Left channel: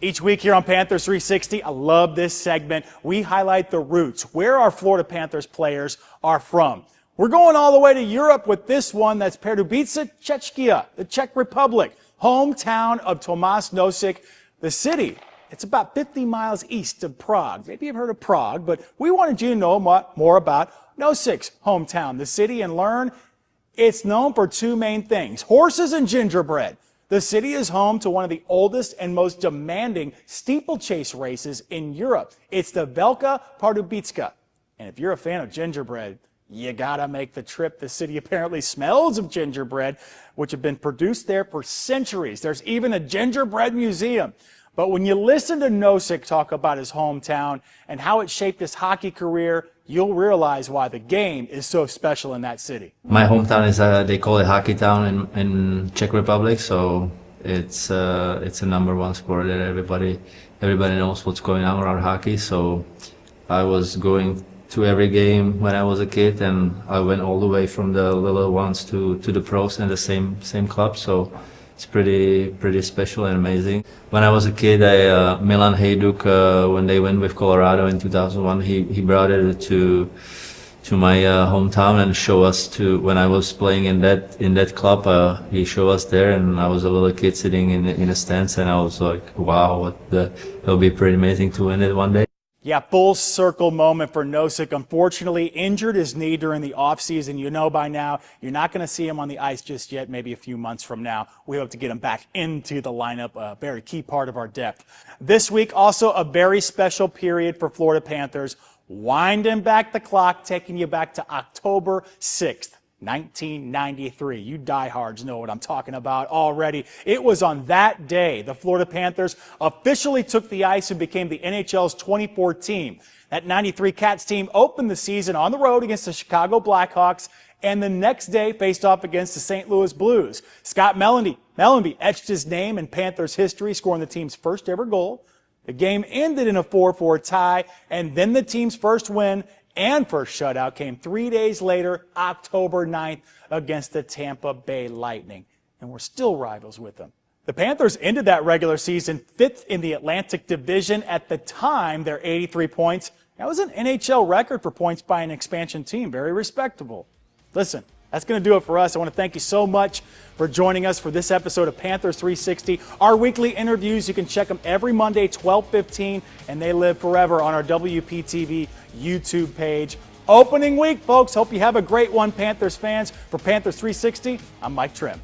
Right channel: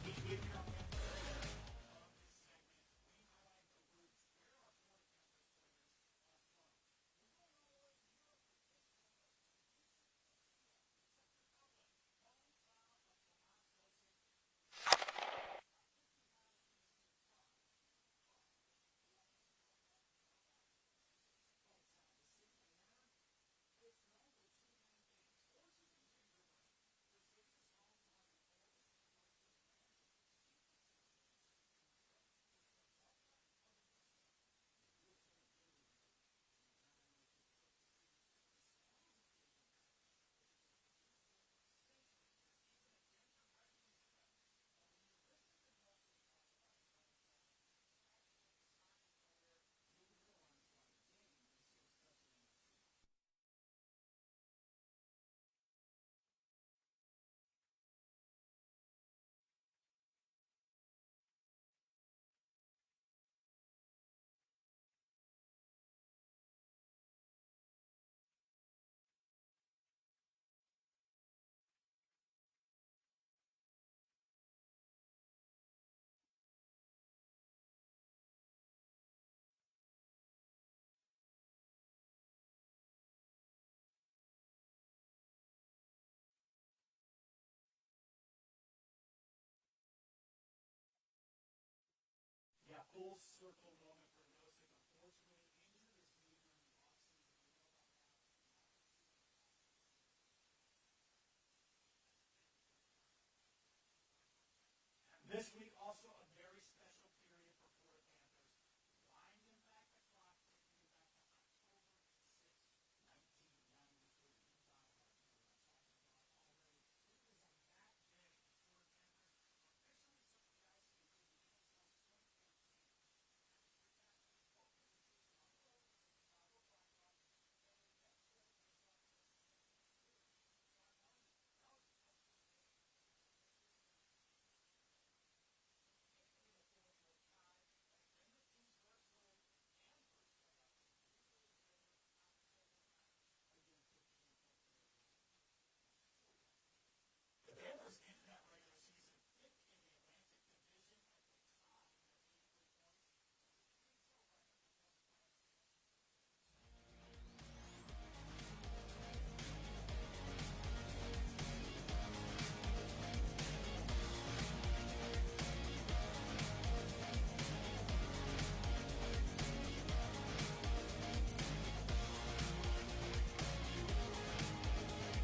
Each week here on Panthers 360, I love this segment. We highlight the roots, where our Florida Panthers players are from. We're going all the way to Europe with this one. That's Pardubice, Czechia, the Czech Republic, hometown of Tomas Nosek. The city, it's about 50 miles east of Prague. Maybe you've heard of Prague, but we wanted you to know more about Nosek's hometown, the city, and learn it's known for two main things: horses and gingerbread. The city is home to one of the oldest and most demanding steeplechase races in Europe. It's the Velika Pardubice. And if you're a fan of gingerbread, you gotta make the trip. The city apparently smells of gingerbread, which have been produced there for centuries. There's even a gingerbread museum. But when you listen to Nosek talk about his hometown and how it shaped his hockey career, you'll realize why the game is so special in that city. My hometown is, they call it hockey town in Czech Republic, so it's a number one sport that everybody knows what's going on around hockey. So I was going to every game when I was a kid, and I went all the way from the little ones to the pros in the same club. So it's pretty special and amazing. When I was a kid, Milan Hajduk, when they went with Colorado in 2001, he brought it to my hometown and showed us to when I was playing in that club. He showed us there, and I was a little kid sitting in the stands, and I was like, wow, it'll be pretty amazing to win it one day. Yeah, full circle moment for Nosek. Unfortunately, injured his knee during the offseason. You know by now, you're not going to see him on the ice just yet, maybe a few months from now. We hope to get him back into the lineup, a very key part of our depth. This week, also a very special period for Florida Panthers. Winding back the clock, taking you back to October 6th. 1993. You diehards know what I'm talking about already. It was on that day the Florida Panthers officially took the ice and became the NHL's 24th team. That 93 Cats team opened the season on the road against the Chicago Blackhawks, and the next day faced off against the St. Louis Blues. Scott Mellanby etched his name in Panthers history, scoring the team's first ever goal. The game ended in a 4-4 tie, and then the team's first win and first shutout came 3 days later, October 9th, against the Tampa Bay Lightning. And we're still rivals with them. The Panthers ended that regular season 5th in the Atlantic Division. At the time, their 83 points. That was an NHL record for points by an expansion team. Very respectable. Listen, that's going to do it for us. I want to thank you so much for joining us for this episode of Panthers 360. Our weekly interviews, you can check them every Monday, 12:15, and they live forever on our WPTV YouTube page. Opening week, folks. Hope you have a great one, Panthers fans. For Panthers 360, I'm Mike Trim.